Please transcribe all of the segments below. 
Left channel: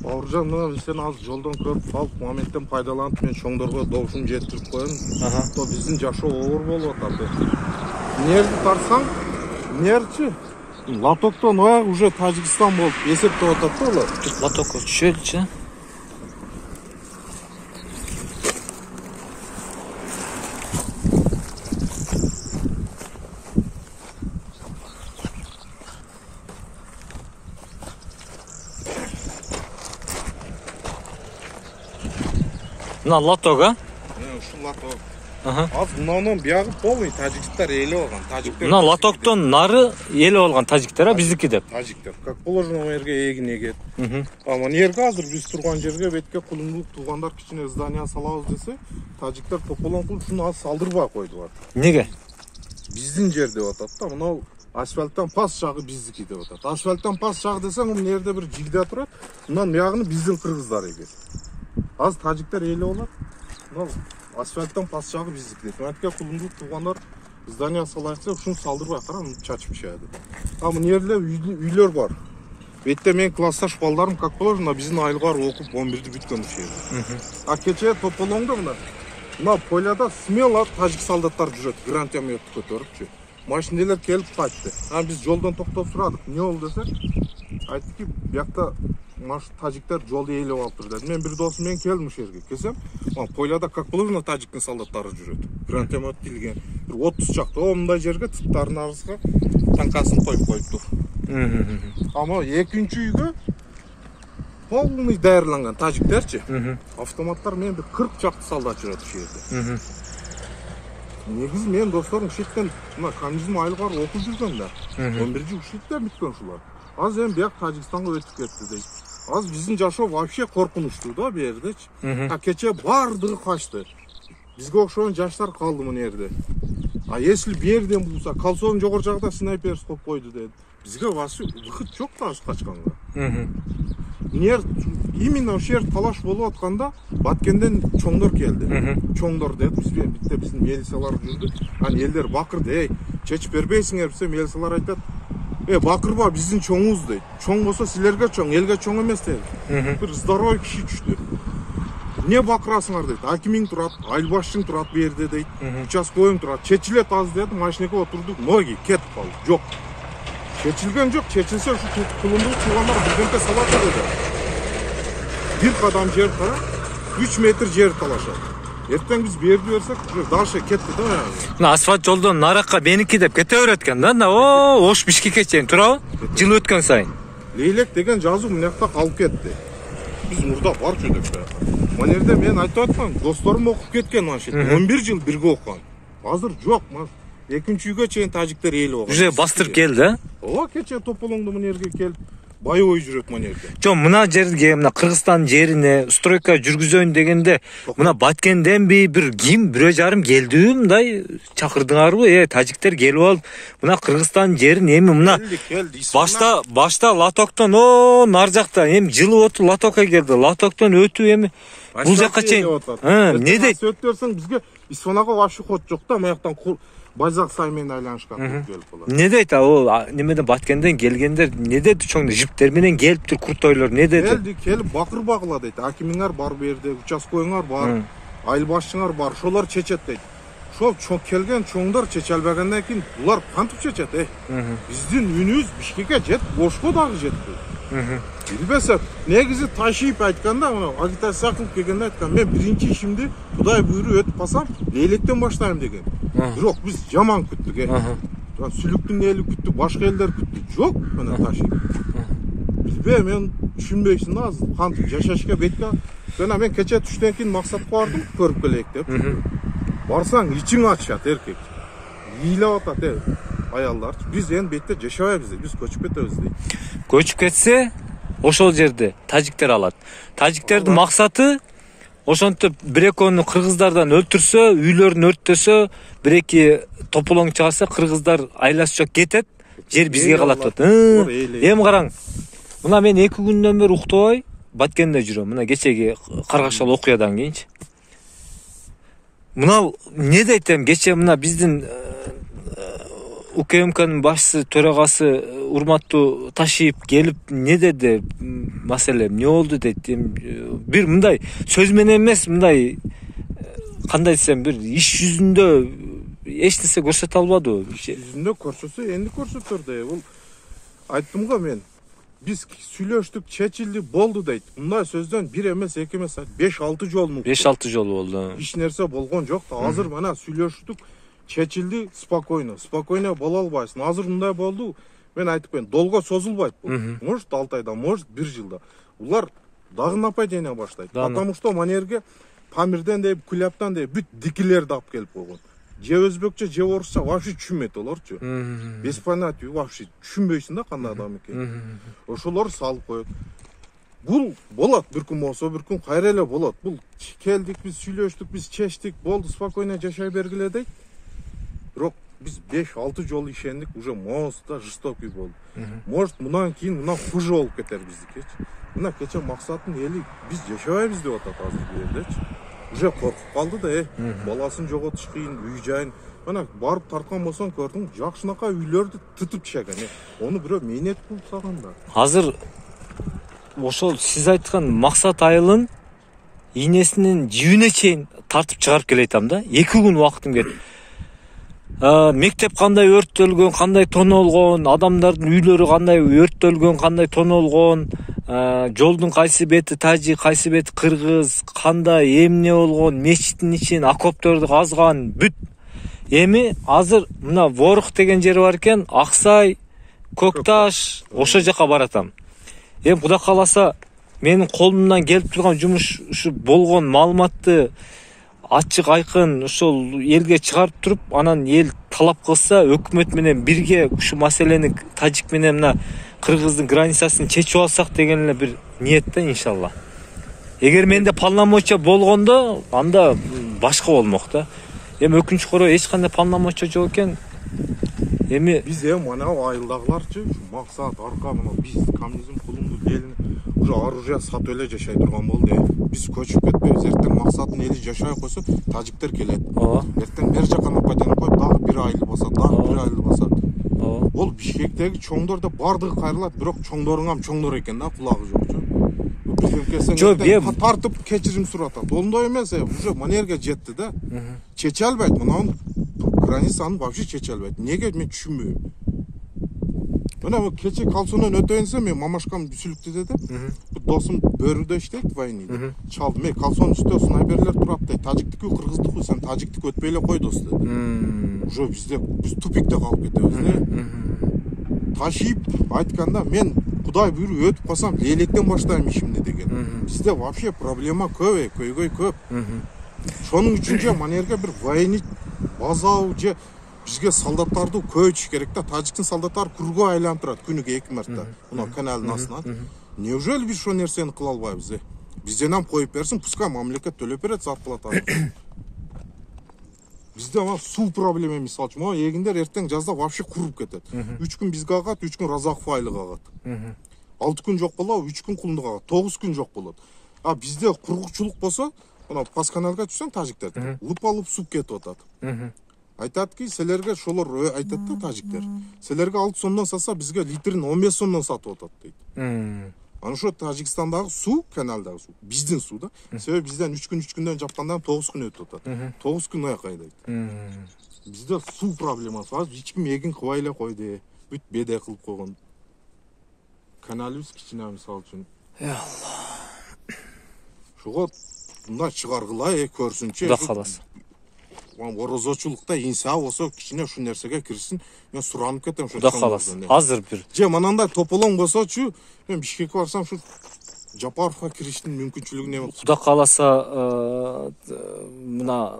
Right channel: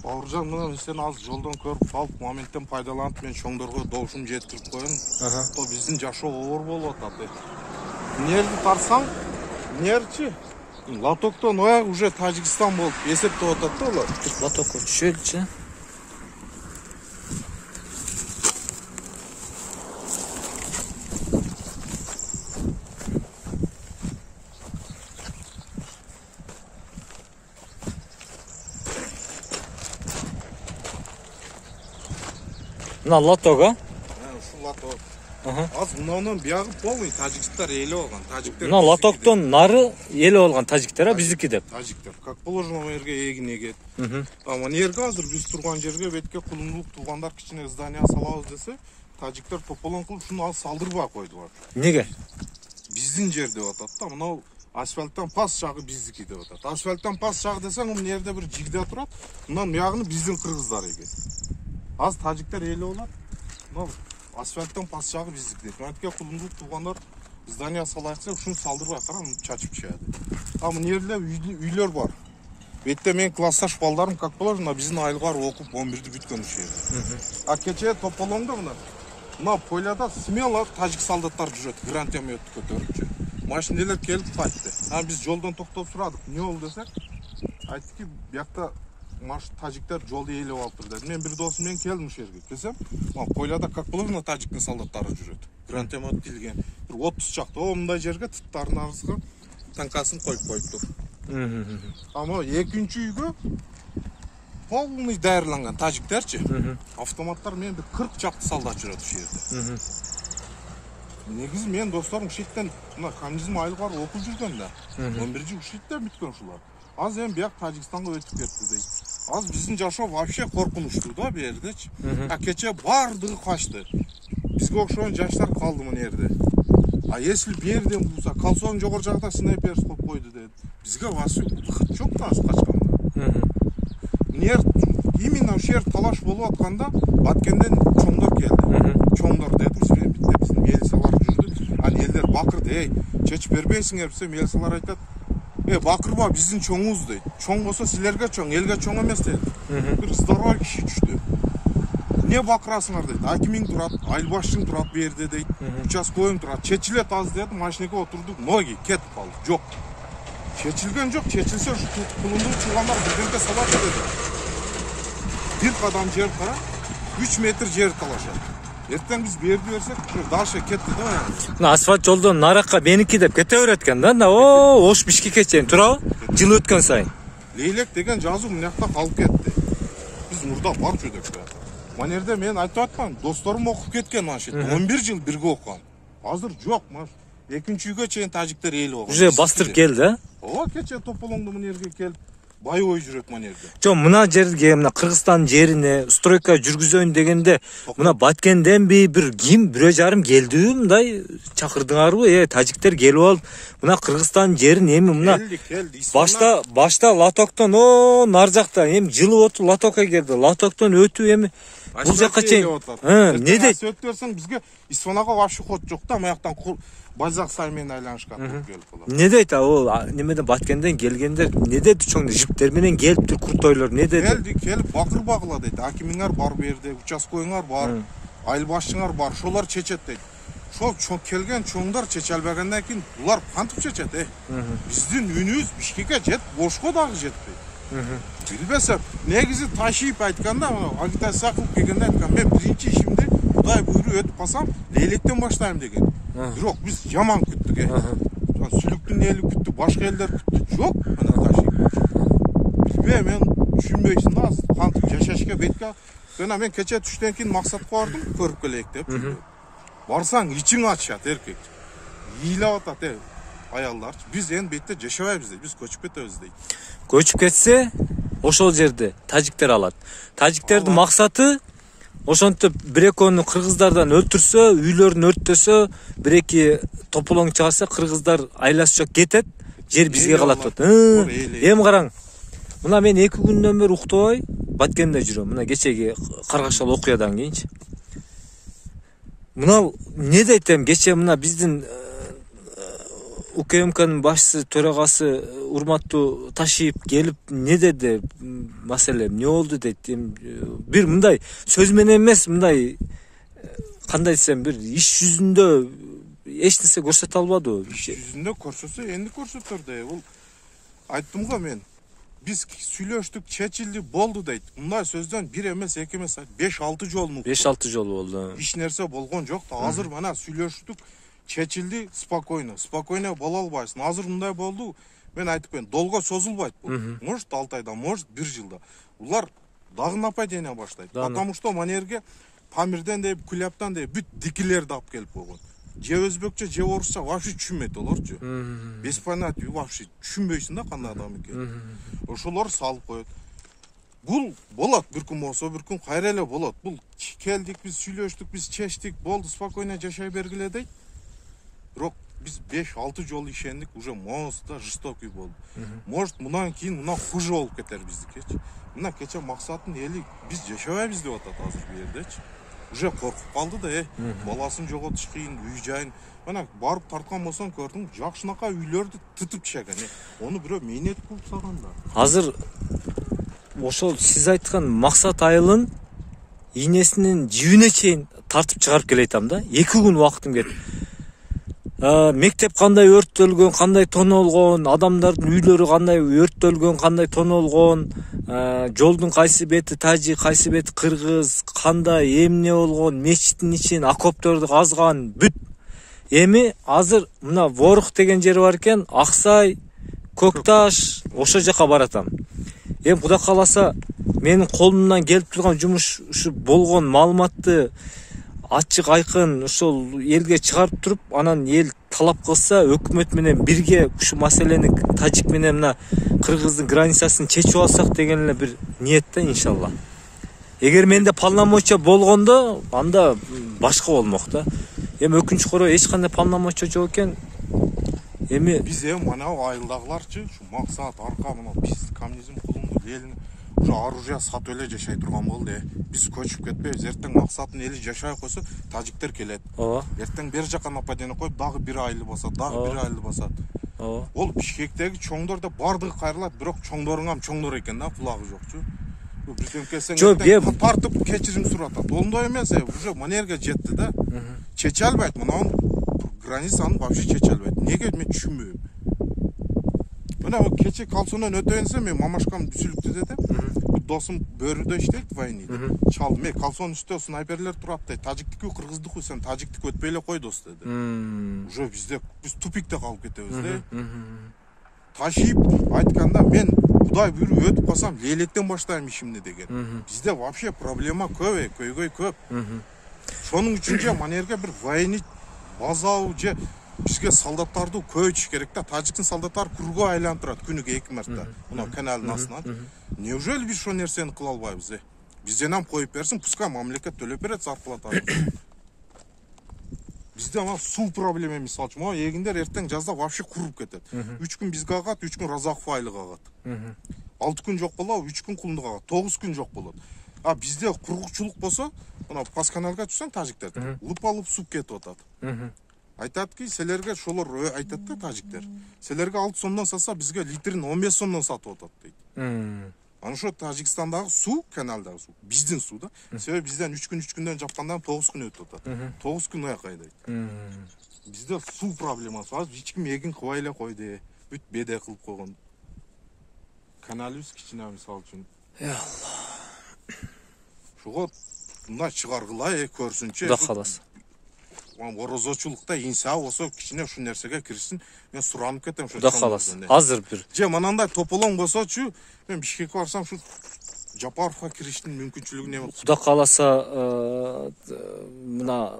Бауыржан, мына сен аз жолдан көріп қалып, моменттен пайдаланып, мен шоңдорға долшын жеткізіп қоямын. То біздің жашоо оор болуп атат. Нерді тарсаң, нерчи лотоктон аяк уже Тажикстан болып есептеп атат да олар. Лотокко түшөдүчү. Мына лотога? Шу лоток. Az мынаудан бияғы полный тажиктар елі олған. Мына лотоктон нары елі олған тажиктар, биздики деп. Тажиктар. Как положено, жерге егін егет. Ама жерге азыр біз тұрған жерге бетке құлымдылық туғандар кішкене здания салабыз десе, тажиктар тополон қылып шуну аз салдырбай койдулар. Неге? Биздин жер деп атат да, мынау асфальттан пас жагы биздики деп атат. Асфальттан пас жагы десең, мына жерде бир жигде турат. Мындан бuyagыны биздин кыргыздар экен. Az tacikler eli olar. Asfalttan pas жагы биздики. Мәтке кулундук тугандар здания салайса, ушун салдырбай карам чачып чыгады. А мына жерде үйлөр бар. Бетте мен классташ балдарым как положено биздин айлгар окуп 11-ди бүткөн ушул жерде. А кече тополоңдо мына поляда смело тажик солдаттар жүрөт, гранатометти көтөрүпчү. Машиналар келип кайтты. А биз жолдон токтоп сурадык. Эмне болду десек, айттыки, биякта тажиктер жолду ээлеп алып турду. Мен бир досум менен келдим ушул жерге. Келсем, поляда как положено тажиктин солдаттары жүрөт. Гранатомет тилген. 30 чакта мындай жерге тыттардын арасына танкасын коюп коюптур. Ама экинчи үйгө полный даярланган тажиктерчи. Автоматтар менен 40 чакта солдат жүрөт ушул жерде. Негизи мен досторум ушул жерден мына коммунизм айлгар окуп жүргөн да. 11-жи ушул жерде бүткөн ушулар. Az hem biyak Tacikistan'a ötüp ketdi deyip. Az bizim жашоо вообще коркунучтуу да bu yerdечи. А кече бардыгы качты. Бизге окшогон жаштар калды мына жерде. А если бу жерден булса, колсонун жогору жагында снайпер стоп койду dedi. Бизге вообще выход жок да качканда. Именно ошол жер талаш болуп атканда Баткенден чоңдор келди. Чоңдор деп бизге биздин милициялар жүрдү. Аны элдер бакырды, ey, чечип бербейсиңер десе, милициялар айтат. Бакырба биздин чоңубуз дейт. Чоң болсо силерге чоң, элге чоң эмес дейт. Бир здоровый киши түштү. Не бакырасыңар дейт. Акимиң турат, айылбашчың турат бу жерде дейт. Участкойуң турат. Чечилет аз дедим, машинеге отурдук. Ноги кетип калды. Жок. Чечилген жок. Чечилсе ушу кулунду чугандар бирденке салат dedi. Bir kadam жер кара, 3 метр жер талашат. Эртең биз берди берсек, дальше кетти да. Мына асфальт жолдон наракка меники деп кете берет экен да. Ош Бишкекке чейин турабы? Жыл өткөн сайын. Лейлек деген жазуу мына жакта калып кетти. Биз мурда бар жүрдүк да. Мына жерде мен айтып атпам, досторум окуп кеткен машин. 11 жыл бирге окуган. Азыр жок, экинчи үйгө чейин тажиктер ээлеп алган. Уже бастырып келди, Ооба, кече тополоңду мына жерге келип байой жүрөт мына жерде. Жо, мына жерге, мына Кыргызстан жерине стройка жүргүзөйүн дегенде, мына Баткенден бир ким 1,5 келдиби, мындай чакырдыңарбы? Тажиктер келип алып, мына Кыргызстан жерин эми мына башта лотоктон нар жакта эми жылып отуп лотокко келди. Лотоктон өтүп эми бул жакка чейин. Не дейт? Өтүп берсең бизге Исфанага вообще ход жок да, маяктан Байзак саймен айланышкан келип калат. Не дейт ал немеден Баткенден келгендер, не дейт чоң жиптер менен келиптир куртойлор, не дейт? Келип бакыр багыла дейт. Акимиңер бар бу жерде, участкойуңар бар, айылбашчыңар бар, ошолор чечет дейт. Ошол келген чоңдор чече албагандан кийин булар кантип чечет, Биздин үнүбүз Бишкекке жет, бошко дагы жетти. Билбесем, негизи ташип айтканда, агитация кылып келгенде айткан, мен биринчи ишимди Кудай буйруп өтүп калсам, лейлектен баштайм деген. Жок, биз жаман күттүк, Сүлүктүн эли күттү, башка элдер күттү. Жок, мына ташип. Мен түшүнбөйсүн да, кантип жашашка бетке. Жана мен кече түштөн кийин максатка бардым, көрүп келейик деп. Барсаң, ичиң ачат эркек. Ыйлап атат, аялдар. Биз эми бетте жашабайбыз, биз көчүп кетебиз дейт. Көчүп кетсе, ошол жерде тажиктер алат. Тажиктердин максаты ошентип бир-экөөнү кыргыздардан өлтүрсө, үйлөрүн өрттөсө, бир-эки тополоң чыгаса, кыргыздар айласы жок кетет, жер бизге калат деп. Эми караң. Мына мен 2 күндөн бери уктабай Баткенде жүрөм. Мына кечеги каргашал окуядан кийинчи. Мына не дейтем, кече мына биздин УКМКнын башчысы төрагасы урматтуу Ташиев келип не деди, маселе эмне болду дейт. Бир мындай сөз менен эмес, мындай кандай десем, бир иш жүзүндө эч нерсе көрсөтө албады. Жүзүндө көрсөтсө эмне көрсөтөр да. Бул айттым го мен. Биз сүйлөштүк, чечилди, болду дейт. Мындай сөздөн бир эмес, эки эмес, 5-6 жолу мукту. 5-6 жолу болду. Иш нерсе болгон жок да. Азыр мына сүйлөштүк, чечилди, спокойно. Спокойно боло албайсың. Азыр мындай болду. Мен айтып коеюн, долго созулбайт бул. Может 6 айда, может 1 жылда. Улар дагы нападение баштайт. Потому что манерге Памирден деп, Куляптан деп бүт дикилерди алып келип койгон. Же өзбекче, же орусча вообще түшүнбөйт олорчу. Без понятия вообще түшүнбөйсүң да кандай адам экенин. Ошолор салып коет. Бул болот, бир күн болсо, бир күн кайра эле болот. Бул келдик, биз сүйлөштүк, биз чечтик, болду, спокойно жашай бергиле дейт. Бирок биз 5-6 жолу ишендик, уже моста жестокий болду. Может, мындан кийин мына хуже болуп кетер биздикичи. Мына кече Максаттын эли биз жашабайбыз деп атат азыркы элдечи. Уже коркуп калды да, баласын жоготуш кыйын, үй жайын. Мына барып тарткан болсоң көрдүң, жакшынакай үйлөрдү тытып чеген. Ону бирөө мээнет кылып салган да. Азыр ошол сиз айткан Максат айылын ийнесинин жибине чейин тартып чыгарып келейтам да. 2 күн убактым кетти. Мектеп кандай өрттөлгөн, кандай тонолгон, адамдардын үйлөрү кандай өрттөлгөн, кандай тонолгон, жолдун кайсы бети тажик, кайсы бети кыргыз, кандай эмне болгон, мечиттин ичин окопторду казган, бүт. Эми азыр мына Ворух деген жер бар экен, Аксай, Көкташ, ошол жака баратам. Эми Кудай кааласа менин колумдан келип турган жумуш ушу болгон маалыматты ачык айкын ошол элге чыгарып туруп, анан эл талап кылса, өкмөт менен бирге ушу маселени тажик менен мына кыргыздын границасын чечип алсак деген эле бир ниетте иншалла. Эгер менде полномочия болгондо, анда башка болмок да. Эми өкүнүчкө орой эч кандай полномочия жок экен. Эми биз мына айылдагыларчы, ушу Максат, Арка, мына биздин коммунизм кулунду элин уже оружие сатып эле жашай турган болду. Биз көчүп кетпейбиз. Эртең Максаттын эли жашай койсо, тажиктер келет. Эртең бер жака нападение коюп, дагы бир айыл басат, дагы бир айыл басат. Ол Бишкектеги чоңдор да бардыгы кайрылат, бирок чоңдоруң чоңдор экен да, кулагы жокчу. Бизден тартып кечирим суратат. Ондой эмес, уже манерге жетти да. Чече албайт, мына границаны вообще чече албайт. Неге мен түшүнбөйм. Мына кече Калсонон өтөйүнсө, мен мамашкам Сүлүктү деди. Досум бөрүдө иштейт, вайниде. Чал, мен Калсон үстө снайперлер турат дейт. Тажиктики, кыргыздыкы, сен тажиктик өтпөй эле кой дос деди. Уже биз тупикте калып кетебиз да. Ташип айтканда, мен Кудай буйруп өтүп калсам, лелектен баштайм ишимди деген. Бизде вообще проблема көп, көйгөй көп. Шонун үчүн же манерге бир военный база же бизге солдаттарды көйтүш керек да. Тажиктин солдаттары кругу айлантырат күнүгө 2 марта. Мына каналдын астынан. Неужели биз ошол нерсени кыла албайбыз? Бизден ham коюп берсин, пускай мамлекет төлөп берет зарплатаны. Bizde ama su problemi misal için. Eginder erten жазда вообще kurup кетет. 3 gün bizge agat, 3 gün Razakov aylığı agat. 6 gün жок болот, 3 gün Кулындык agat, 9 gün жок болот. А bizde kurukçuluk болсо, мына Пасканалга түшсөң тажиктер, лып суп кетип атат. Айтат ки, силерге шолор айтат да тажиктер. Силерге 6 сомдон сатса, бизге литрин 15 сомдон сатып атат дейт. Аны ошо Тажикстандагы су, каналдагы су, биздин су да. Себеби бизден 3 күндөн жапкандан 9 күн өтүп атат. 9 күн аяк айдайт. Бизде су проблемасы бар. Эч ким эгин кыбай эле койду. Бүт беде кылып койгон. Каналыбыз кичине мисал үчүн. Шуга мына чыгаргыла көрсүнчү. Кудай кааласа. Орозочулукта инса болсо кичине ушул нерсеге кирсин. Мен суранып кетем ошо. Кудай кааласа. Азыр бир. Же манандай тополоң болсочу, мен Бишкекке барсам шу Жапаровго кириштин мүмкүнчүлүгү бар. Кудай кааласа, мына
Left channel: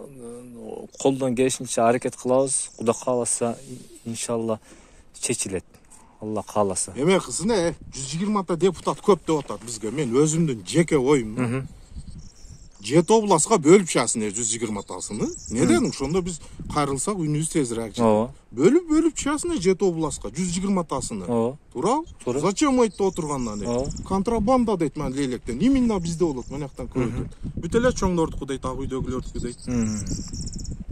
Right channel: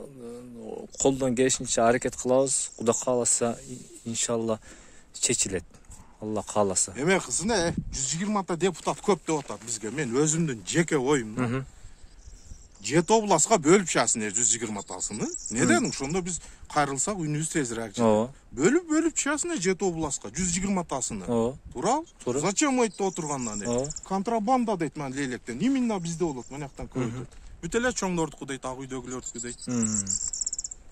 колдон келишинче аракет кылабыз. Кудай кааласа, иншалла чечилет. Алла кааласа. Эме кызына 120 депутат көп деп атат бизге. Мен өзүмдүн жеке оюм. 7 областка бөлүп чыгасың 120-тасын. Неден ошондо биз кайрылсак үнүбүз тезирээк чыгат. Бөлүп чыгасың 7 областка 120-тасын. Туурабы? Зачем айтып отургандан? Контрабанда дейт мен лелектен. Именно бизде болот, менактан көрдүм. Бүт эле чоңдордуку дейт, ак үйдөгүлөрдүкү дейт.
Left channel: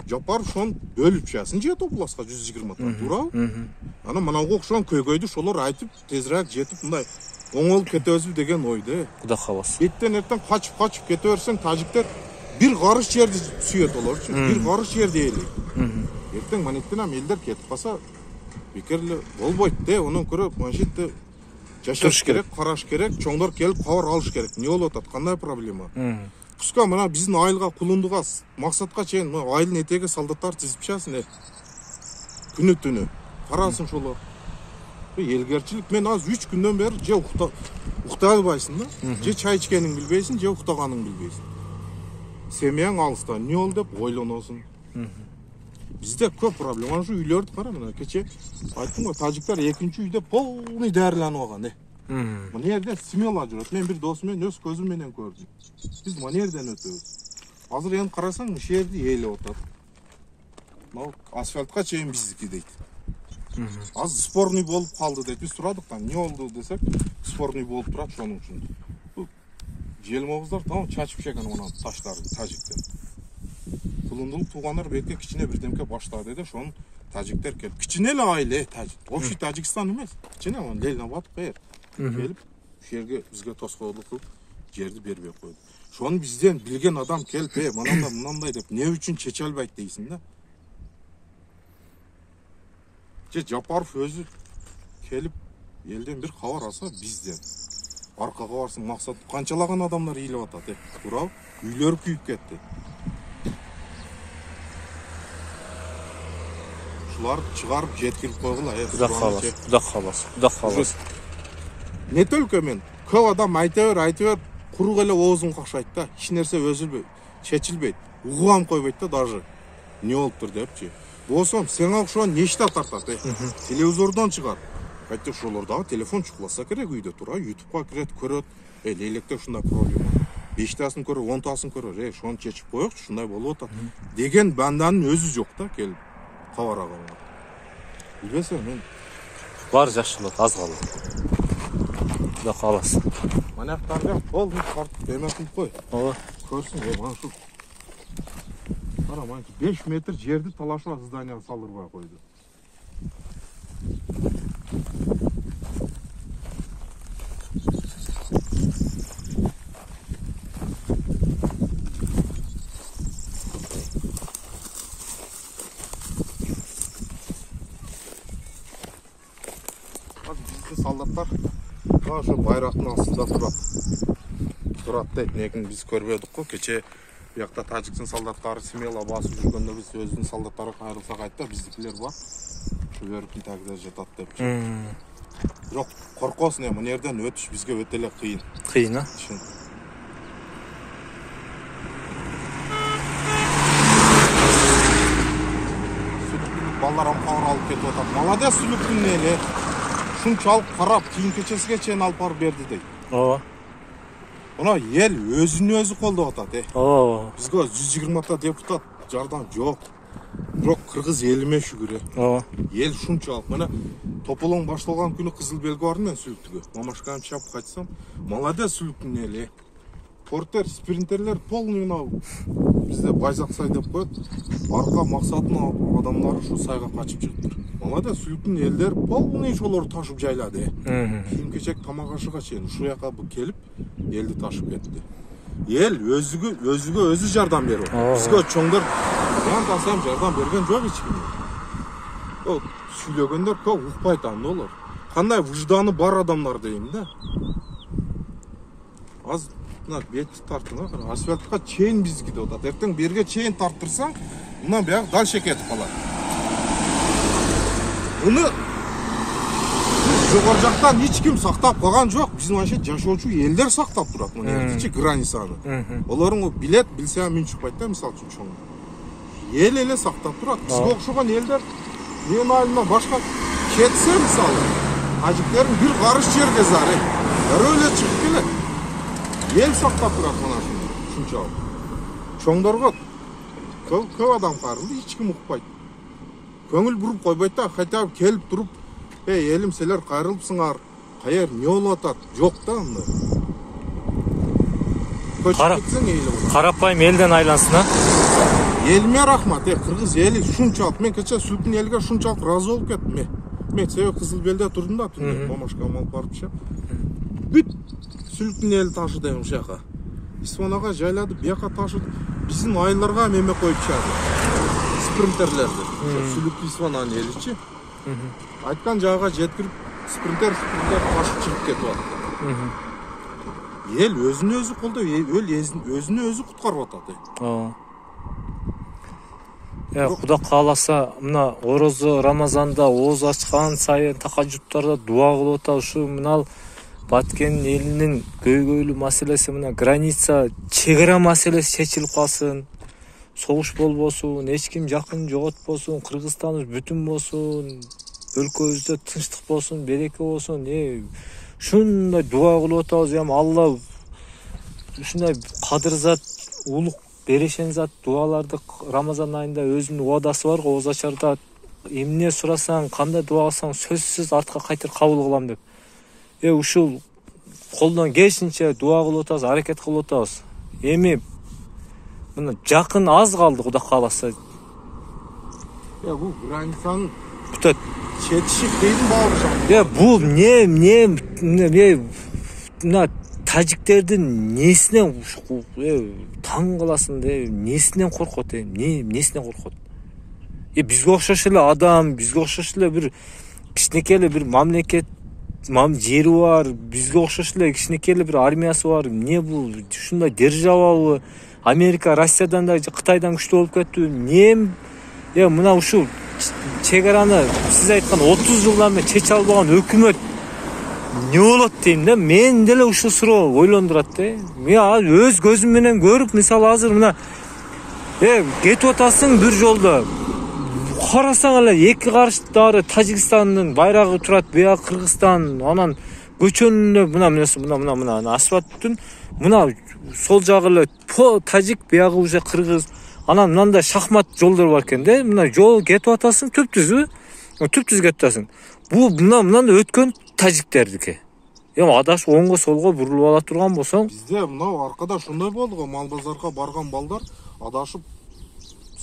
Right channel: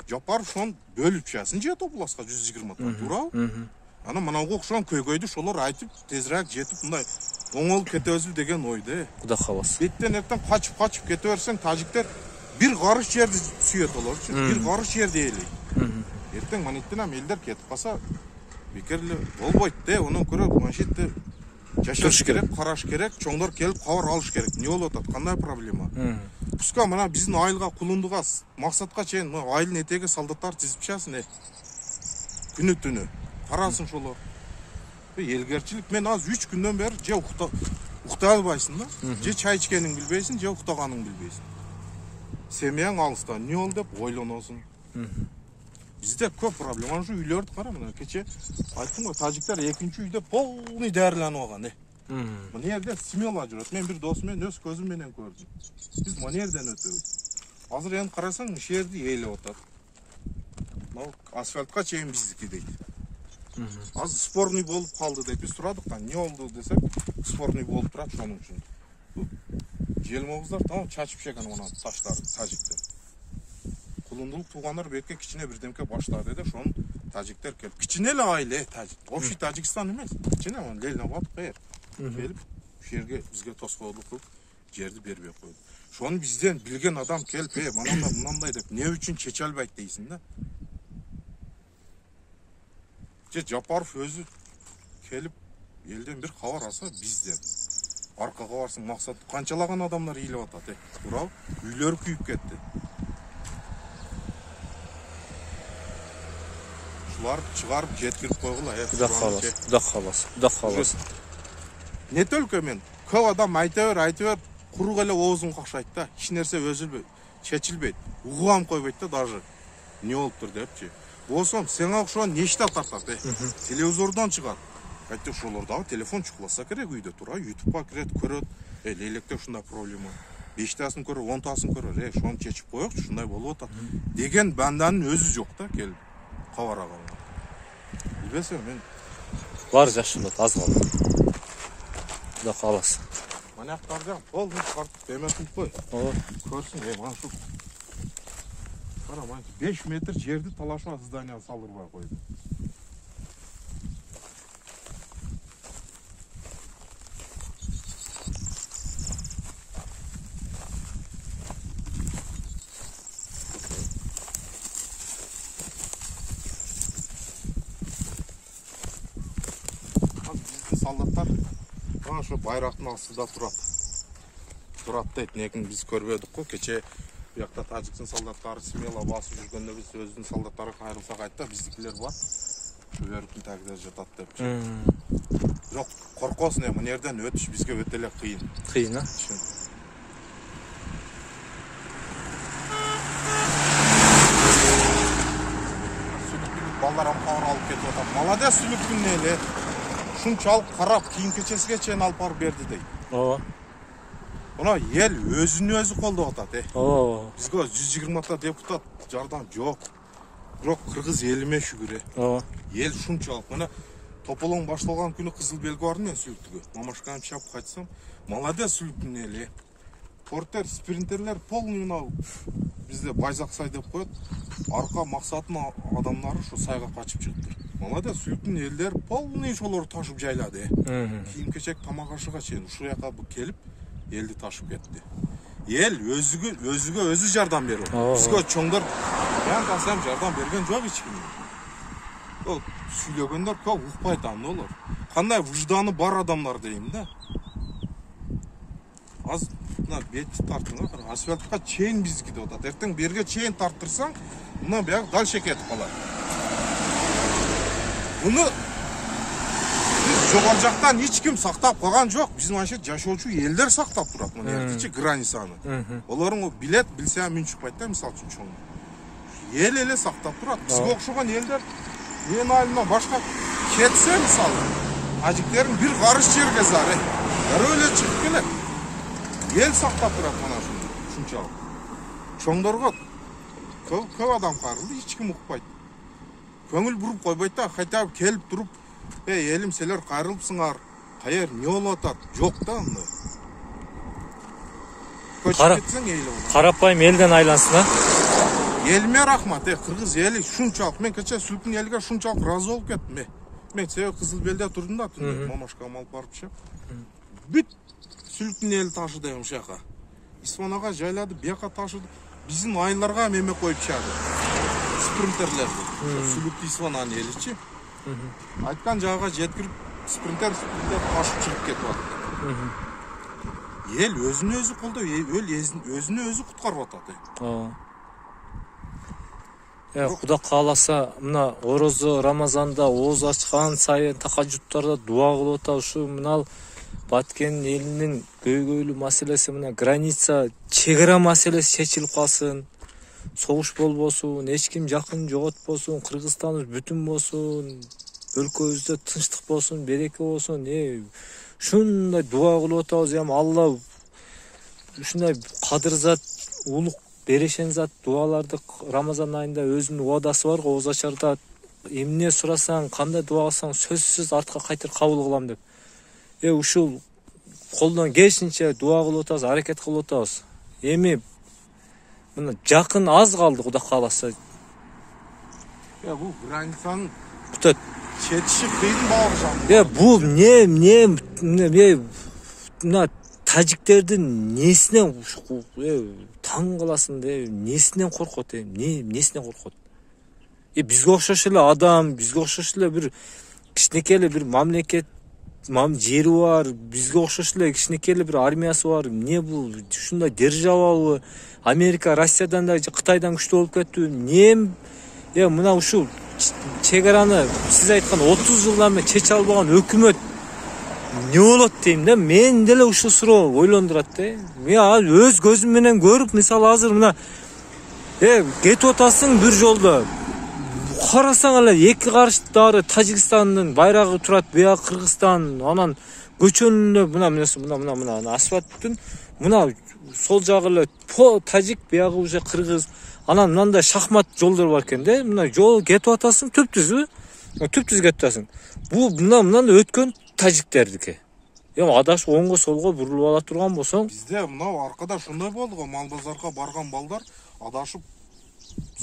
жапар ошон бөлүп чыгасың же топласка 120 туурабы? Ана мынауга окшогон көйгөйдү ошолор айтып тезирээк жетип мындай оңолуп кетебизби деген ойдо. Кудай кааласа. Беттен эртең качып кете берсең, тажиктер бир карыш жерди сүйөт олорчу. Бир карыш жерди ээлейт. Эртең манеттен элдер кетип калса бекер эле болбойт да. Онун көрө маншетте жашаш керек, караш керек, чоңдор келип кабар алыш керек. Не болуп атат? Кандай проблема? Пуска мына биздин айылга кулундуга максатка чейин айылдын этеги солдаттар тизип чыгасың. Күнү түнү карасын ошолор. Элгерчилик. Мен азыр 3 күндөн бери же уктай албайсың да, же чай ичкениңди билбейсиң, же уктаганыңды билбейсиң. Семьяң алыста, не болду деп ойлоносуң. Bizde көп проблема. Şu үйлөрдү кара мына кече айттым го, тажиктер экинчи үйдө полный дээрленип алган. Мына жерде смело жүрөт. Мен бир досум менен өз көзүм менен көрдүм. Биз мына жерден өтөбүз. Азыр эми карасаң, ушул жерди ээлеп атат. Мына асфальтка чейин биздики дейт. Азыр спорный болуп калды деп биз сурадык да, не болду десек, спорный болуп турат ошонун үчүн. Желмобуздар там чачып чеккен мына таштарды тажиктер. Кулундулук туугандар бетке кичине бирдемке баштады да, ошону тажиктер келип, кичине эле айыл, тажик. Общий Тажикстан эмес, кичине он Лельнабад кайер. Келип, ушул жерге бизге тоскоолдук кылып, жерди бербей койду. Ошону бизден билген адам келип, мынандай деп, эмне үчүн чече албайт дейсиң да. Же Жапаров өзү келип, элден бир кабар алса бизден. Аркага барсың, максат канчалаган адамдар ыйлап атат, туурабы? Үйлөр күйүп кетти. Ушулар чыгарып жеткирип койгула. Кудай кааласа. Не только мен, көп адам айта бер, курук эле оозун какшайт да, эч нерсе өзүлбөйт, чечилбейт, угам койбойт да даже. Не болуптур депчи. Болсом, сеңа окшогон нечте тартат, телевизордон чыгат. Айтты ошолор дагы телефон чукуласа керек үйдө тура, YouTube'га кирет, көрөт. Лейлекте ушундай проблема. 5тасын көрө, 10тасын көрө, ошону чечип коёкчу, ушундай болуп атат. Деген банданын өзү жок да, келип кабар алганга. Билбесем мен Бар жакшы болот, аз калды. Кудай кааласа. Манактан кол тартып эме кылып кой. Ооба. Көрсүң, мана шу. Кара, мана 5 метр жерди талашлап здание салдырбай койду. Солдаттар ошо байрактын астында турат дейт. Негин биз көрбөдүк го. Кече биякта тажиктин солдаттары смело басып жүргөндө биз өзүнүн солдаттары кайрылсак айтты, биздикилер бар. Ошо өрүктүн тагында жатат депчи. Бирок коркосуң, мына жерден өтүш бизге өтө эле кыйын. Кыйын, а? Чын. Сүлүктүн балдарым кабар алып кетип атат. Молодец сүлүктүн эле. Шунчалык карап, кийин кечесиге чейин алып барып берди дейт. Ооба. Мына эл өзүн өзү колдоп атат, Ооба. Бизге 120 депутат жардам жок. Бирок кыргыз элиме шүгүр. Ооба. Эл шунчалык. Мына тополоң башталган күнү кызыл белги барды мен сүлүктүгө. Мамашканы чапып кайтсам, молодец сүлүктүн эли. Портер, спринтерлер полный мына бизде Байзаксай деп коет. Арка максатынын адамдары ушу сайга качып чыгыптыр. Молодец сүлүктүн элдер полный ошолор ташып жайлады. Кийин кечек тамак ашыга чейин ушул жака келип элди ташып кетти. Эл өзүгө өзү жардам берип. Бизге чоңдор ям жардам берген жок эч ким. О, сүйлөгөндөр көп укпайт анда олор. Кандай выжданы бар адамдар дейм да. Аз мына бетти тартыңа, асфальтка чейин биздики деп атат. Эртең берге чейин тарттырсаң, мына бияк дальше кетип калат. Муну жогору жактан эч ким сактап калган жок. Биздин манча жашоочу элдер сактап турат мына жердечи границаны. Олорун билет, билсе мын чыкпайт да, мисалы үчүн чоң. Эл эле сактап турат. Бизге окшогон элдер эн айылына башка кетсе, мисалы, тажиктердин бир карыш жерге зары. Дароо эле чыгып келет. Ел сактап турат мына ушунчалык. Чоңдорго көп адам карынды, эч ким укпайт. Көңүл буруп койбойт да, хотя бы келип туруп, элим силер кайрылыпсыңар, кайер не болуп атат? Жок да анда. Көчүп кетсең эйле болот. Карапайым элден айлансын, а? Elime рахмат. Кыргыз эли шунчалык. Мен кече Сүлкүн элге шунчалык разы болуп кеттим. Мен себеби Кызыл Белде турдум да, түнү мамашкам алып барып бүт Сүлкүн эли ташыды ушака. Испанага жайлады, бияка ташыды. Биздин айылдарга эме коюп чыгады. Спринтерлерди. Сүлүктү Испананын эличи. Айткан жайга жеткирип, спринтер ташып чыгып кетип атат. Эл өзүн өзү колдоп, эл өзүн өзү куткарып атат. Кудай кааласа, мына Орозо Рамазанда ооз ачкан сайын такажуттарда дуа кылып атабыз. Ушу мына Баткен элинин көйгөйлүү маселеси, мына граница, чегара маселеси чечилип калсын. Согуш болбосун, эч ким жакын жоготпосун, Кыргызстаныбыз бүтүн болсун, өлкөбүздө тынчтык болсун, береке болсун. Ушундай дуа кылып атабыз. Алла ушундай кадырзат, улук берешен зат дуаларды Рамазан айында өзүнүн уадасы бар го, ооз ачарда эмне сурасаң, кандай дуа кылсаң сөзсүз артка кайтыр кабыл кылам деп. Ушул колдон келишинче дуа кылып атабыз, аракет кылып атабыз. Эми мына жакын аз калды, Кудай кааласа. Бул границанын бүтөт. Четиши кыйын бауыржан. Бул мына тажиктердин несинен таң каласың, несинен коркот, несинен коркот. Бизге окшош эле адам, бизге окшош эле бир кичинекей эле бир мамлекет, жери бар, бизге окшош эле кичинекей эле бир армиясы бар. Эмне бул? Ушундай державабы? Америка, Россиядан да, Кытайдан күчтүү болуп кеттиби? Мына ушул чегараны сиз айткан 30 жылдан бери чече албаган өкмөт не болот дейм да. Мен деле ушул суроо ойлондурат да. Мен өз көзүм менен көрүп, мисалы азыр мына кетип атасың бир жолдо. Карасаң эле эки каршыдагы Тажикстандын байрагы турат, буяк Кыргызстан, анан көчөнүндө мына асфальттын мына сол жагы эле тажик, буягы уже кыргыз. Анан мындай шахмат жолдор бар экен да. Мына жол кетип атасың, түп-түз кетип атасың. Бул мындан өткөн тажиктердики. Адашып оңго солго бурулуп ала турган болсоң, бизде мына аркада ушундай болду го, мал базарга барган балдар адашып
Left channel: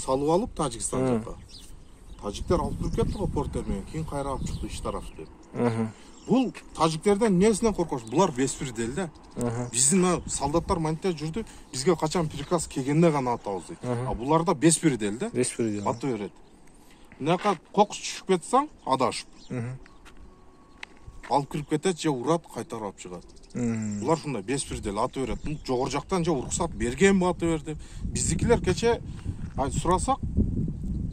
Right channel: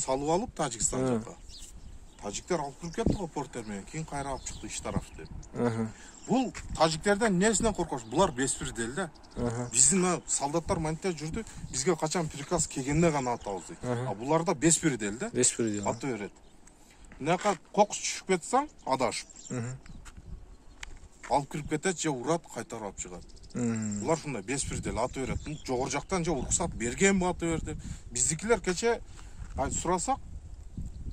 салып алып Тажикстан жака. Тажиктер алып туруп кетти го порттер менен, кийин кайра алып чыкты иш тараф деп. Бул тажиктерден несинен коркош? Булар беспредел да. Биздин солдаттар мантип жүрдү, бизге качан приказ келгенде гана атабыз дейт. Буларда беспредел да. Беспредел. Аты берет. Мынакка кокус түшүп кетсең, адашып. Алып кирип кетет, же урат, кайтарып алып чыгат. Булар ушундай беспредел, аты берет. Жогору жактан же уруксат бергенби аты бер деп. Биздикилер кече сурасак,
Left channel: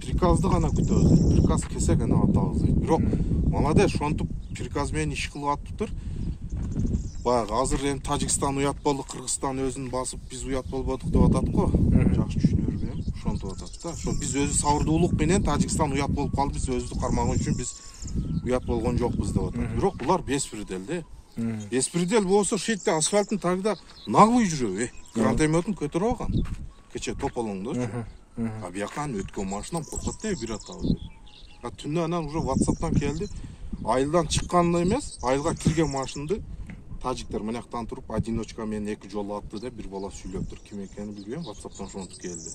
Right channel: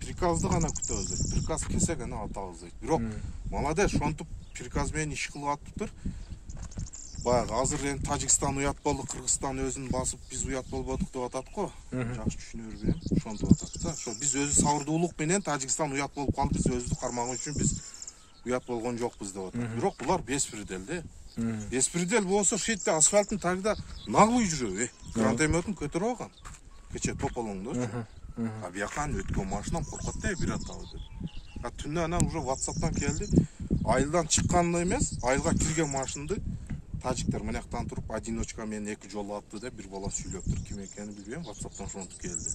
приказды гана күтөбүз. Приказ келсе гана атабыз дейт. Бирок молодец, ошентип приказ менен иш кылып атыптыр. Баягы азыр эми Тажикстан уят болду, Кыргызстан өзүн басып, биз уят болбодук деп атат го. Жакшы түшүнө бербейм, ошентип атат да. Ошо биз өзү сабырдуулук менен Тажикстан уят болуп калды, биз өзүбүздү кармаган үчүн биз уят болгон жокпуз деп атат. Бирок булар беспредел да. Беспредел болсо шетте асфальттын тагында наглый жүрөбү. Гранатометин көтөрүп алган. Кече тополоңдочу. Бияктан өткөн машинам коркот да, бир атабыз деп. Түнү анан уже WhatsApp'тан келди. Айылдан чыкканды эмес, айылга кирген машинды тажиктер мынаяктан туруп одиночка менен эки жолу атты деп бир бала сүйлөптүр. Ким экенин билбейм, WhatsApp'тан ошентип келди.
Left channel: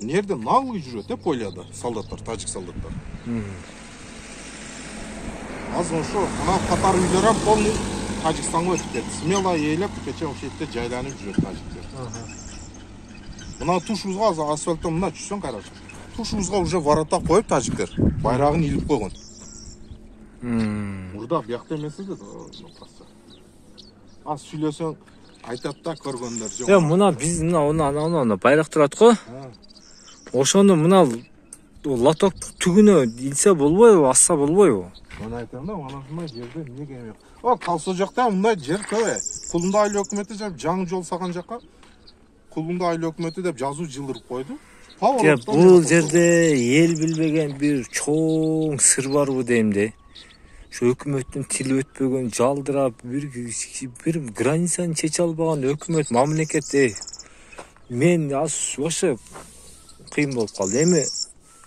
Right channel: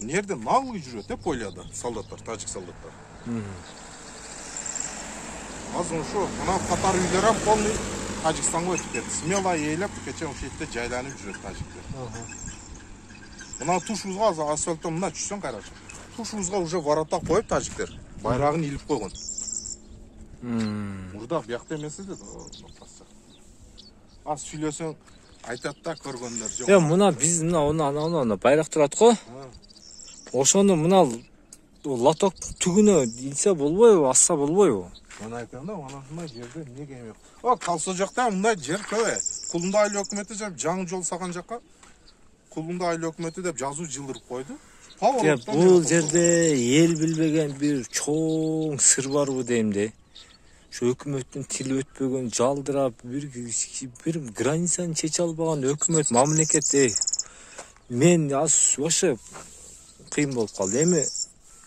Мына жерде наглый жүрөт поляда солдаттар, тажик солдаттар. Азыр ошо мына катар үйлөр ham полный Тажикстанга өтүп кетти. Смело ээлеп кече ошол жерде жайланып жүрөт тажиктер. Мына тушубузга азыр асфальттан мына түшсөң карашы. Тушубузга уже ворота коюп тажиктер байрагын илип койгон. Мурда биякта эмес эле напасы. Az сүйлөсөң айтат да көргөндөр жок. Мына биз мына байрак турат го. Ошону мына лоток түгүнө илсе болбойбу, асса болбойбу? Мына айтам да, мына ушундай жерде эмне кеме жок. Калса жакта мындай жер көбө. Кулунда айыл өкмөтү жаңы жол салган жака Кулунда айыл өкмөтү деп жазуу жылдырып койду. Бул жерде эл билбеген бир чоң сыр барбы дейм да. Şu өкмөттүн тили өтпөгөн, жалдырап, бир границаны чече албаган өкмөт, мамлекет. Мен ошо кыйын болуп калды. Эми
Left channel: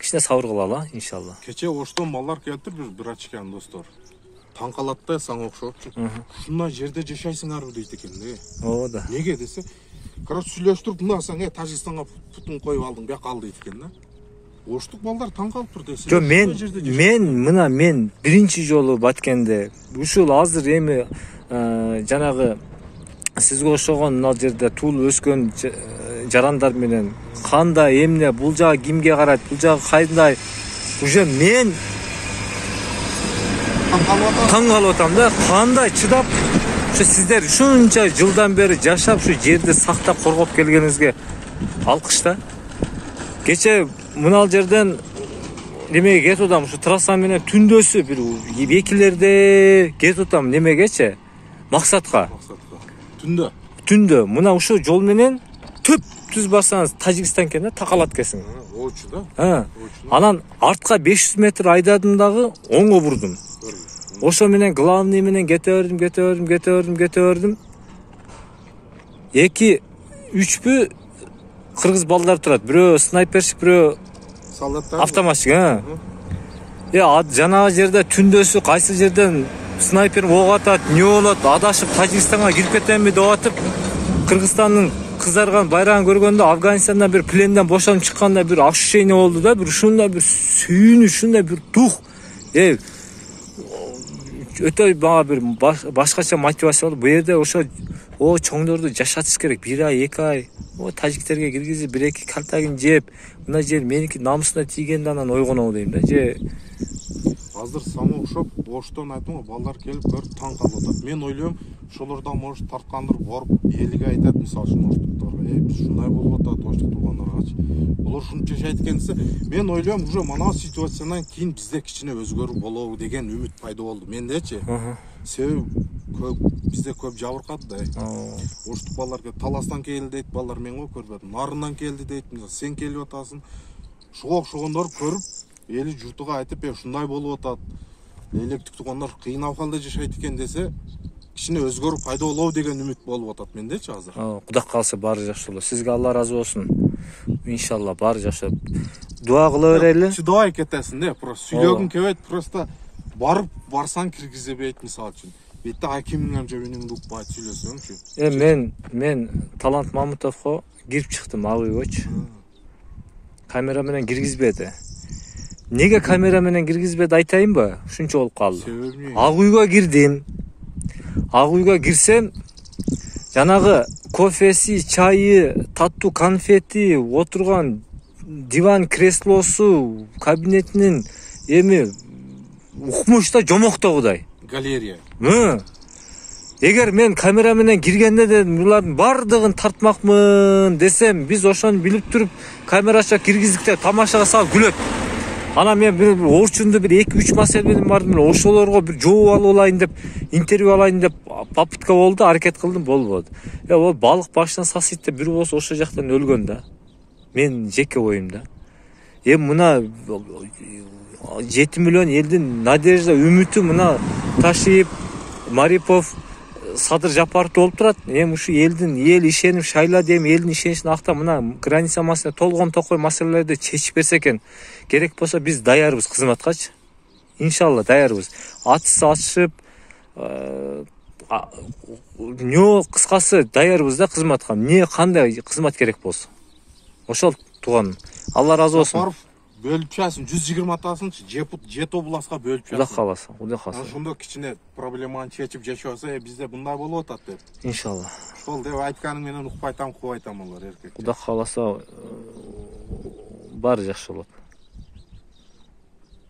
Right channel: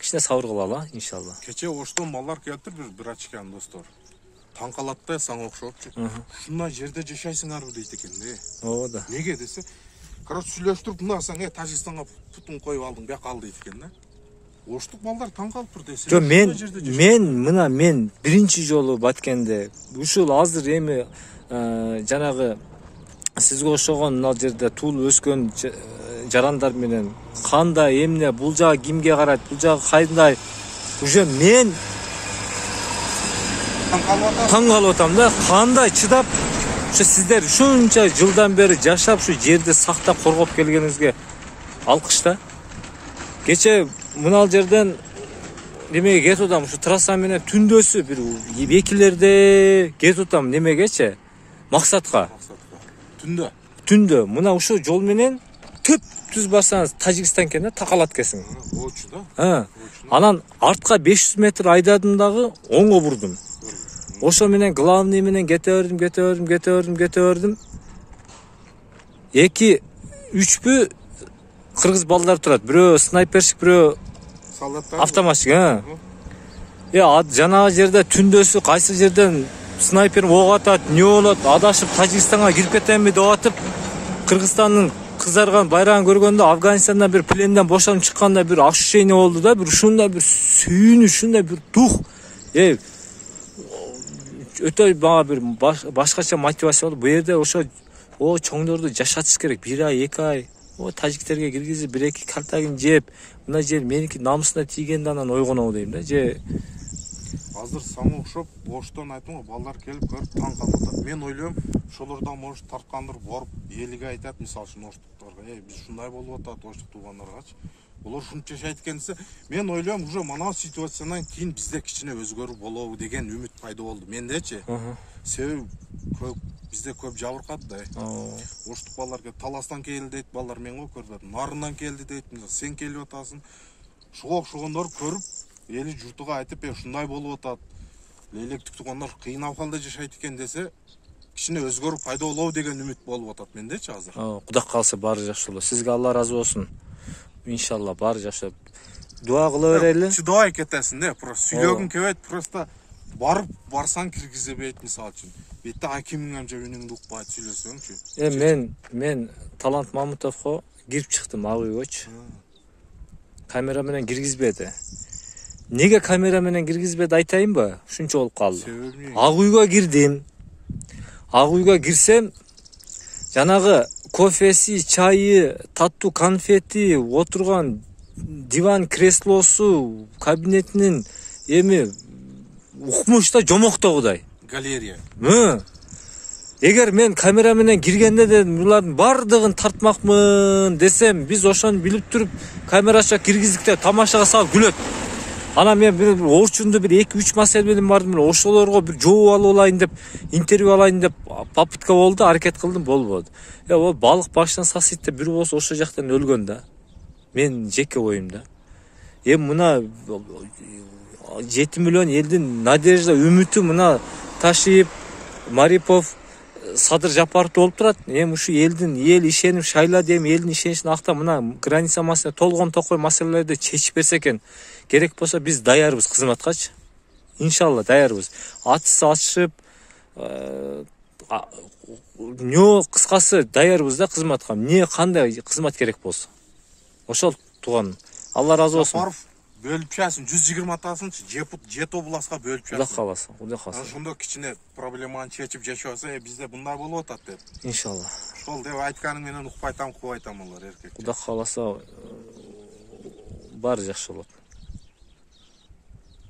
кичине сабыр кылалы, иншалла. Кече Оштон балдар келтирип бир ачкан достор. Таң калат да, сага окшопчу. Ушундай жерде жашайсыңарбы дейт экен да. Ооба да. Неге десе, короче сүйлөштүрүп мына сен Тажикстанга путун коюп алдың бияка ал дейт экен да. Оштук балдар таң калып тур десе. Жо мен биринчи жолу баткенде ушул азыр эми жанагы сизге окшогон мына жерде туулуп өскөн жарандар менен кандай эмне бул жагы кимге карайт, бул жагы кандай уже мен таң калып атам да, кандай чыдап ушу сиздер ушунча жылдан бери жашап ушу жерди сактап коргоп келгениңизге алкыш да. Кече мына жерден немеге кетип атам, ушу трасса менен түндөсү бир экилерде кетип атам немегечи, максатка. Түндө мына ушул жол менен төп түз бассаңыз Тажикстан экен да, такалат келсиң. Очу да. Анан артка 500 метр айдадым дагы оңго бурдум. Ошо менен главный менен кете бердим. 2-3 кыргыз балдар турат. Бирөө снайперчик, бирөө солдаттар. Автоматчик, жанагы жерде түндөсү кайсы жерден снайпер ок атат, не болот, адашып Тажикстанга кирип кетемби деп атып, Кыргызстандын кызарган байрагын көргөндө Афганистандан бир пленден бошонуп чыкканда бир ощущение болду да, бир ушундай бир сүйүнүч, ушундай бир дух. Өтө бага бир башкача мотивация болду. Бу жерде ошо чоңдорду жашатыш керек. 1 ай, 2 ай. Тажиктерге киргизип 1-2 калтагын жеп, мына жер меники намысына тийгенде анан ойгонобу дейм да. Азыр саңа окшоп боштон айттым го, балдар келип көрүп таң калып атат. Мен ойлойм, ошолордон может тарткандыр барып элиге айтат, мисалы үчүн оштуктарга, биз ушундай болуп атат, оштук туугандаргачы. Олар ушунча жашайт экенсе, мен ойлойм, уже мына ситуациядан кийин бизде кичине өзгөрүү болобу деген үмүт пайда болду мендечи. Себеби бизде көп жабыркады да. Оштук балдар келип Таластан келди дейт, балдар мен го көрбөдүм. Нарындан келди дейт, сен келип атасың. Шуга окшогондор көрүп эли журтуга айтып, ушундай болуп атат. Лейлектик туугандар кыйын абалда жашайт экен десе, кичине өзгөрүү пайда болобу деген үмүт болуп атат мендечи азыр. Кудай калса баары жакшы болот. Сизге Алла разы болсун. Иншалла баары жакшы. Дуа кыла берели. Чыдабай кетесиң да, просто сүйлөгүң келбейт, просто барсаң киргизебейт мисалы үчүн. Бетте акимиңем же үнүңдү укпайт сүйлөсөңчү. Мен Талант Мамутовго кирип чыктым ак үйгөчү. Камера менен киргизбеди. Неге камера менен киргизбеди айтайынбы? Ушунча болуп калды. Ак үйгө кирдим. Ак үйгө кирсем, жанагы кофеси, чайы, таттуу конфети, отурган диван креслосу, кабинетинин эми укмуш да жомоктогудай. Галерея. Эгер мен камера менен киргенде де булардын бардыгын тартмакмын десем, биз ошону билип туруп камерача киргиздик деп тамашага салып күлөт. Анан мен бир орчунду бир 2-3 маселе менен бардым, ошолорго бир жооп алып алайын деп, интервью алайын деп попытка болду, аракет кылдым, болбоду. Ол балык башынан сасыйт деп бир болсо ошол жактан өлгөн да. Мен жеке оюм да. Мына 7 миллион элдин надежда, үмүтү мына Ташиев, Марипов, Садыр Жапаров болуп турат. Ушу эл ишенип шайлады дейм, элдин ишеничин актап мына граница маселе, толгон токой маселелерди чечип берсе экен. Керек болсо биз даярбыз кызматкачы. Иншалла даярбыз. Атышып, кыскасы даярбыз да кызматка. Кандай кызмат керек болсо. Ошол тууган. Алла разы болсун. Жапаров бөлүп часың, 120 атасынчы, жет областка бөлүп часың. Кудай каласа. Ошондо кичине проблеманы чечип жашаса, бизде мындай болуп атат деп. Иншалла. Ошол деп айтканың менен укпайтам, кубайтам алар эркек. Кудай каласа баары жакшы болот.